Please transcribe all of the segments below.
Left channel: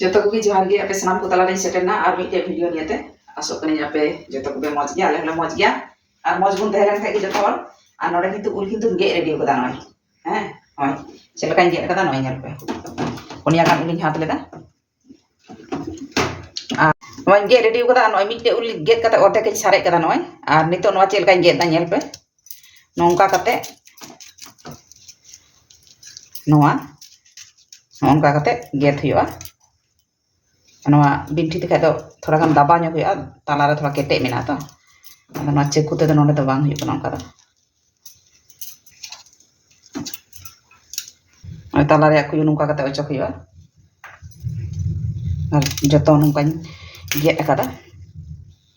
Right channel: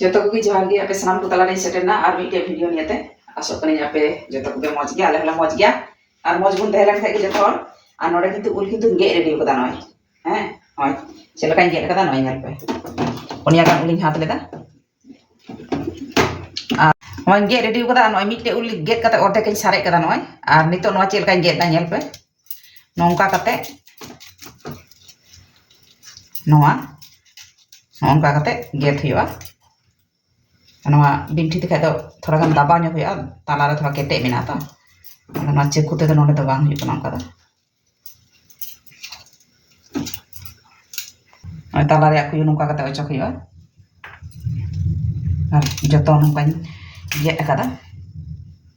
जोतो को जोहार गे आपे सानाम को तला रे सेटेना और मिटे वीडियो नियते आसो कनी आपे जोतो को मौज गया आले हला मौज गया और मौज बुन तहेरन खाइ जोतो और नोडे किंतु उल किंतु गे रेडी कदा नय हैं होय चेलका गे कदा नय नेल पे उनिया गान उलिन हाथ लेदा नय गे रेडी कदा नय मिटे उल गे कते ओदे के सारे कदा नय और नितो नवा चेलका गे दा नेल पे नोंका कते नवा नोंका कते गेत हुआ बिंठी ते खादो थोड़ा गान दाबा ᱧᱚᱜ हुआ ताला रे थोड़ा केटे मेना तो ना चेकु ते नोडे तो बांग हुई कना का ताला रे कुयु नुका कते अचक हुआ और जतो नुका गेट कदा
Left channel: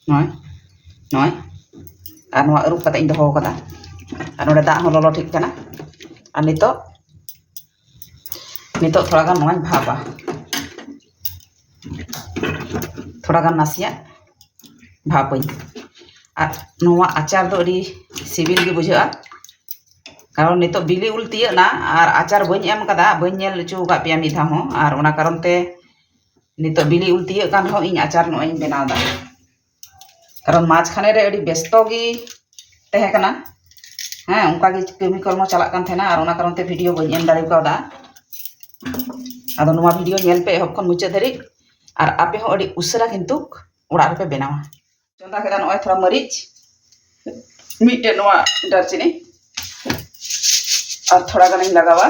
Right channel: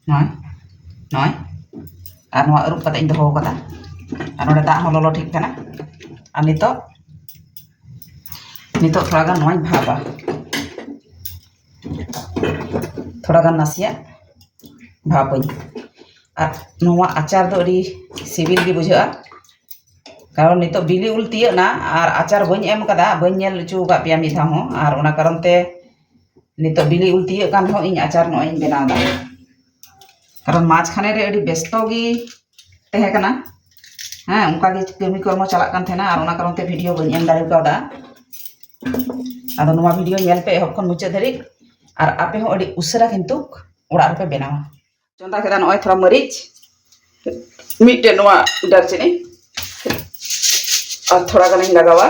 नय नय और नवा अरुप कते इन दो कदा और नोडे दा हो ललो ठीक कना और नितो नितो थोड़ा गान नय भाबा थोड़ा गान नासिया भापई और नोवा आचार दो अड़ी सिबिल गी बुझा कारण नितो बिली उल तियना और आचार बñ एम कदा बñ नेल चु का पिया मिधा हो और ओना कारण ते नितो बिली उल तिय कान हो इन आचार नो इन बेनाव दा कारण माछ खाने रे अड़ी व्यस्त गी तहे कना हां उनका गे कमी कर्म चला कान थेना और ओना कारण ते वीडियो बñ एम दाड़ी कादा आदो नोवा वीडियो नेल पे हकन मुचे धरी और आपे हो अड़ी उसरा किंतु उड़ा पे बेनावा चंदा केदा नय थोड़ा मरीच मिटे नोवा दारचिनी और थोड़ा गानी लगावा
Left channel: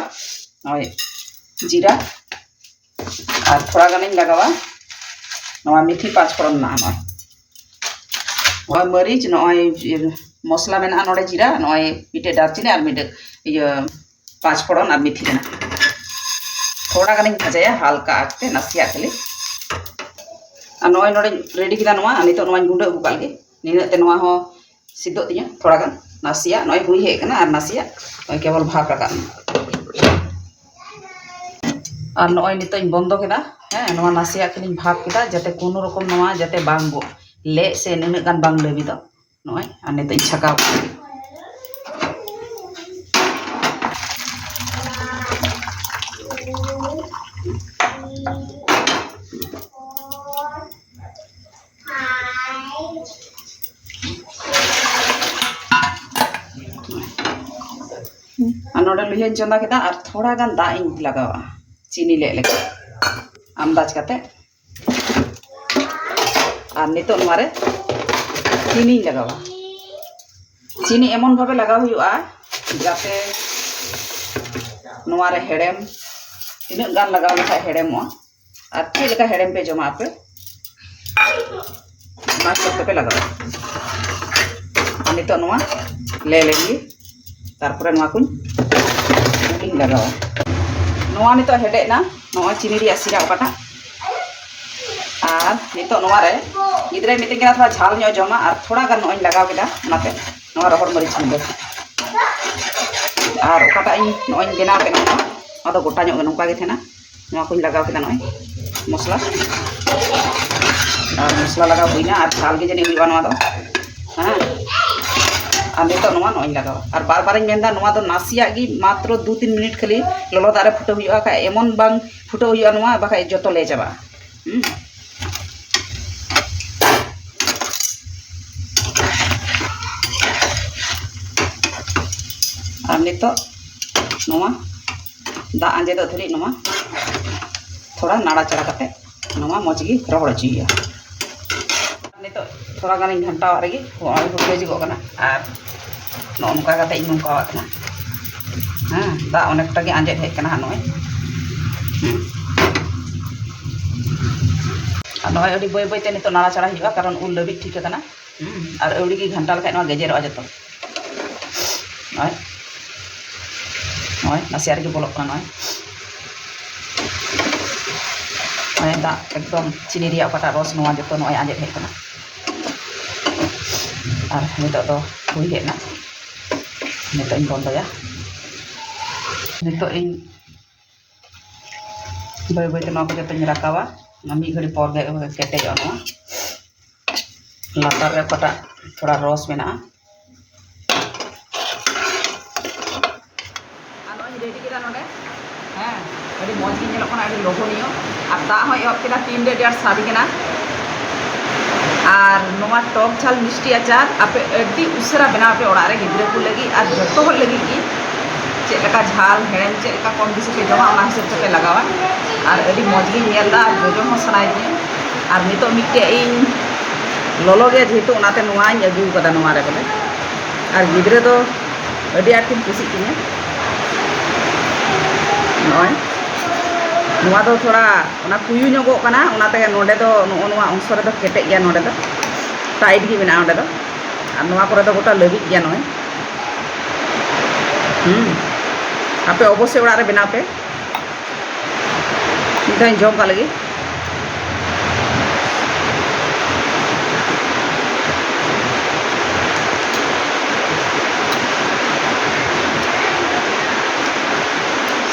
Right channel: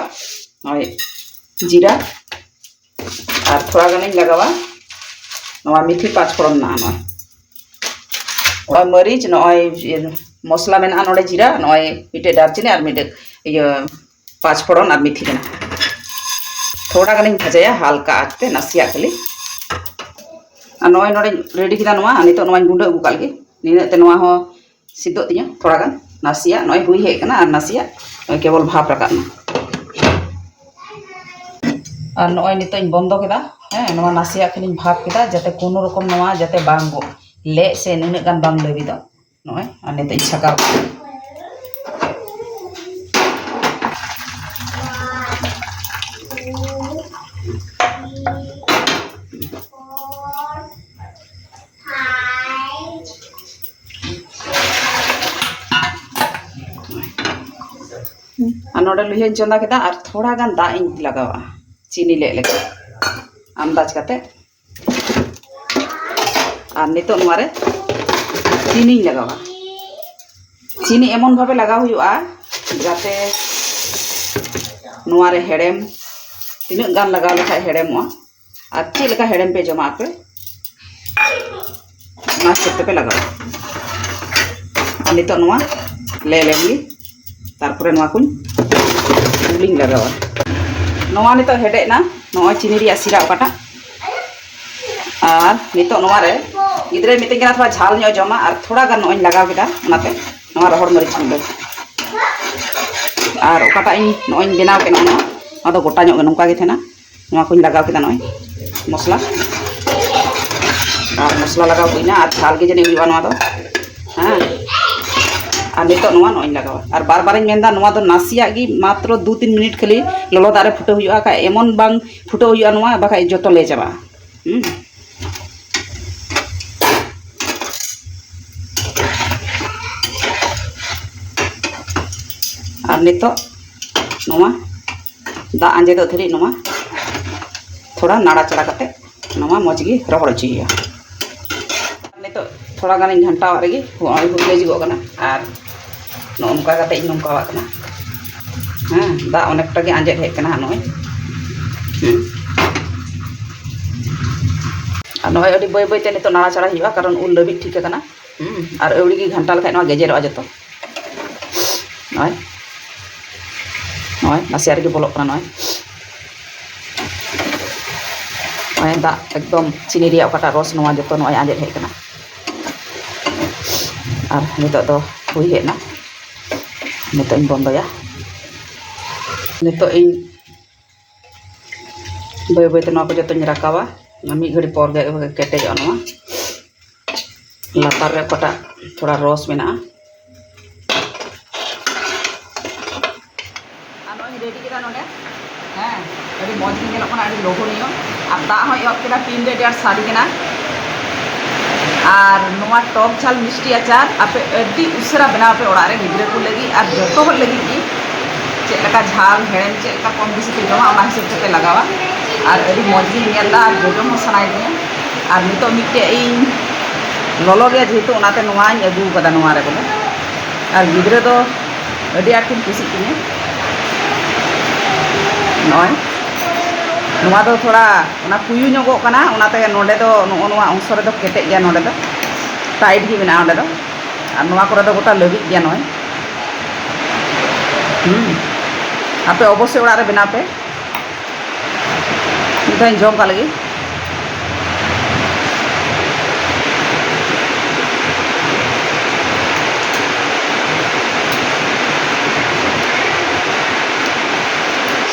नय जीरा और थोड़ा गानी लगावा नोवा मिठी पाँच फोड़न ना नय और मरीच नय मसला मेना नोडे जीरा नय मिटे दारचिनी और मिटे ये पाँच फोड़न और मिठी केना थोड़ा गानी भाजाया हल्का आँच पे नासिया खाली नय नोडे रेडी किदा नोवा नितो नोवा गुंडा अगु कालगे निने ते नोवा हो सिद्धो तिया थोड़ा गान नासिया नय हुई हे कना और नासिया केवल भाप रका और नय नितो इन बंदो केदा हैं नोवा नासिया खाली भाप केदा जाते कोनो रकम नोवा जाते बांग ले से निने गान बांग लेबी दो नय और नितो इन छका नोडे लुहिया चंदा केदा और थोड़ा गान दा इन लगावा चीनी ले लेके अंदाज करते और नितो नोरे चीनी लगावा चीनी एमन भावे लगा हुआ जाते नोरे हेड़ेम तीन गान लगा लेखा हेड़ेमो और चे लेका हेड़ेम पे जमा पे ना सब पे लगावा नितो नोवा ले लेंगे तारपरे नोवा कुन उलिंग लगावा नोवा नितो हेडे ना नोवा चीनी रिया सिरा ओकाटा और नितो नोवा रे गिदरे मिते केना थोड़ा झाल न्यो जमा और थोड़ा गान नोई लगाव केदा नाते नोवा रहर मरीच मुंडे और ओकाटा इन नोई बेनाव केना ना आदो गोटा न्यो नोंका गे थेना नोवा कुन लगाव केदा नोई मसला और मसला लगाव हुइना और झाल गे जने हुइवा नोवा दो हां और नितो नोवा नोई लगावा और बार बार मेंदा नोवा दो नासिया गी मात्र 2-3 मिनट खाली ललो दारे फुटे हुआ का एमन बांग फुटे हुआ नोवा बाखा जतो ले जाबा और नितो नोवा दा आंजे दो धरी नोवा थोड़ा नाड़ा चढ़ा करते नोवा मौजगी रगड़ चाहिए नितो थोड़ा गान घंटा रेगी हुलेजिगो कना और नोंका कते इन नोंका कना हां दा अनेकटा गे आंजे हे कना नय और नय अडी बय बय ते नितो नाड़ा चढ़ा हुआ कारण उल लबी ठीक कना और एवड़ी गी घंटा लखा नय गेजेरो जतो नय नय नासिया रे बोलो कना नय नय दा एकदम चीनी रिया ओकाटा रस नोवा जतो नय आंजे हे कना और नितो दो हुई हेना नितो इन बंदया नितो इन बय बय ते नोवा को जतो रकावा मी घड़ी पर गे केटे जो नोवा लातार रे ओकाटा थोड़ा रस मेना आ नोई रेडी केदा नोडे हां ᱟᱹᱰᱤ ᱢᱚᱡᱽ ᱜᱮ ᱧᱮᱞᱚᱜ ᱠᱟᱱᱟ, ᱟᱹᱰᱤ ᱞᱚᱵᱷᱚᱱᱤᱭᱚ ᱟᱨ ᱫᱟᱜ ᱦᱚᱸ ᱮᱦᱚᱵ ᱠᱮᱫᱟ, ᱛᱤᱱᱨᱮ ᱟᱹᱰᱤ ᱟᱸᱴ ᱥᱟᱰᱮ ᱠᱟᱱᱟ। ᱟᱨ ᱱᱚᱣᱟ ᱴᱚᱠ ঝাল মিষ্টি আচার আপে আᱹᱰᱤ উᱥᱟᱹᱨᱟ ᱵᱮᱱᱟᱣ ᱯᱮ ᱚᱲᱟᱜ ᱨᱮ ᱜᱤᱫᱽᱨᱟᱹ ᱠᱚ ᱞᱟᱹᱜᱤᱫ ᱟᱨ ᱡᱚᱛᱚ ᱦᱚᱲ ᱞᱟᱹᱜᱤᱫ ᱜᱮ। ᱪᱮᱫ ᱞᱮᱠᱟ ঝাল ᱦᱮᱲᱮᱢ ᱪᱮᱫ ᱞᱮᱠᱟ ᱠᱚᱢ ᱵᱮᱥᱤ ᱯᱮ ᱡᱚᱢᱟ ᱚᱱᱟ ᱦᱤᱥᱟᱹᱵ ᱛᱮᱯᱮ ᱞᱟᱜᱟᱣᱟ। ᱟᱨ ᱟᱹᱰᱤ ᱢᱚᱡᱽ ᱜᱤᱧ ᱧᱮᱞᱫᱟ ᱟᱨ ᱡᱚᱡᱚᱢ ᱦᱚᱸ ᱥᱟᱱᱟᱭᱮᱫᱤᱧᱟ। ᱟᱨ ᱱᱤᱛᱚᱜ ᱢᱤᱫᱴᱮᱡ ᱤᱧ ᱞᱚᱞᱚ ᱜᱮᱭᱟ ᱡᱮᱦᱮᱛᱩ ᱚᱱᱟᱛᱮ ᱱᱚᱣᱟᱧ ᱟᱹᱜᱩ ᱠᱟᱫᱟ ᱱᱚᱣᱟ ᱨᱮ ᱵᱚᱞᱮ। আর গিদ্রে তো আᱹᱰᱤ আঁᱴ ᱠᱤᱱ ᱠᱩᱥᱤᱜ ᱛᱤᱧᱟᱹ। ᱱᱚᱜᱼᱚᱭ ᱱᱚᱣᱟ ᱫᱚ ᱛᱷᱚᱲᱟ ᱚᱱᱟ ᱠᱩᱭᱩ ᱧᱚᱜᱚᱜ ᱠᱟᱱᱟ, ᱚᱱᱟᱛᱮ ᱱᱚᱰᱮ ᱫᱚ ᱱᱚᱜᱼᱚ ᱱᱚᱣᱟ ᱚᱝᱥᱚ ᱨᱮᱫᱚ ᱠᱮᱴᱮᱡ ᱜᱮᱭᱟ, ᱱᱚᱰᱮ ᱫᱚ টাইট ᱜᱮ ᱢᱮᱱᱟᱜᱼᱟ ᱚᱸᱰᱮ ᱫᱚ। আর নয়া করে তো গোটা লবিক গিয়া নয়। আপে অবশ্যই ওড়ারে বেনাও পে, মিদ ধাᱣᱤᱧ ᱡᱚᱢ ᱠᱟᱜ ᱞᱟᱹᱜᱤᱫ।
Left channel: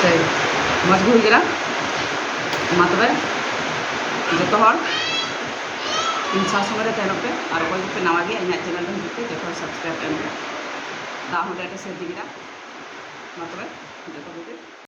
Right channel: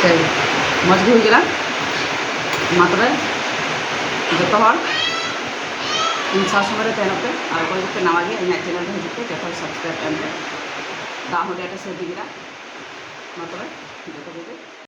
সেই মজ ᱜᱮ ᱦᱩᱭ ᱠᱟᱱᱟ। ᱢᱟ ᱛᱚᱵᱮ ᱡᱚᱛᱚ ᱦᱚᱲ ᱤᱧ ᱥᱟᱶ ᱥᱚᱸᱜᱮ ᱨᱮ ᱛᱟᱦᱮᱱᱚᱜ ᱯᱮ ᱟᱨ ᱚᱠᱚᱭ ᱠᱚᱯᱮ ᱱᱟᱣᱟ ᱜᱮᱭᱟ ᱤᱧᱟᱹᱜ ᱪᱮᱱᱮᱞ ᱨᱮ ᱦᱤᱡᱩᱜ ᱯᱮ, ᱡᱚᱛᱚ ᱦᱚᱲ ᱥᱟᱵᱥᱠᱨᱟᱭᱤᱵ ᱮᱢ ᱯᱮ। ᱫᱟᱜ ᱦᱚᱸ ᱟᱹᱰᱤ ᱟᱸᱴᱮ ᱥᱟᱹᱨᱫᱤ ᱠᱮᱫᱟ। ᱢᱟ ᱛᱚᱵᱮ ᱡᱚᱛᱚ ᱠᱚᱜᱮ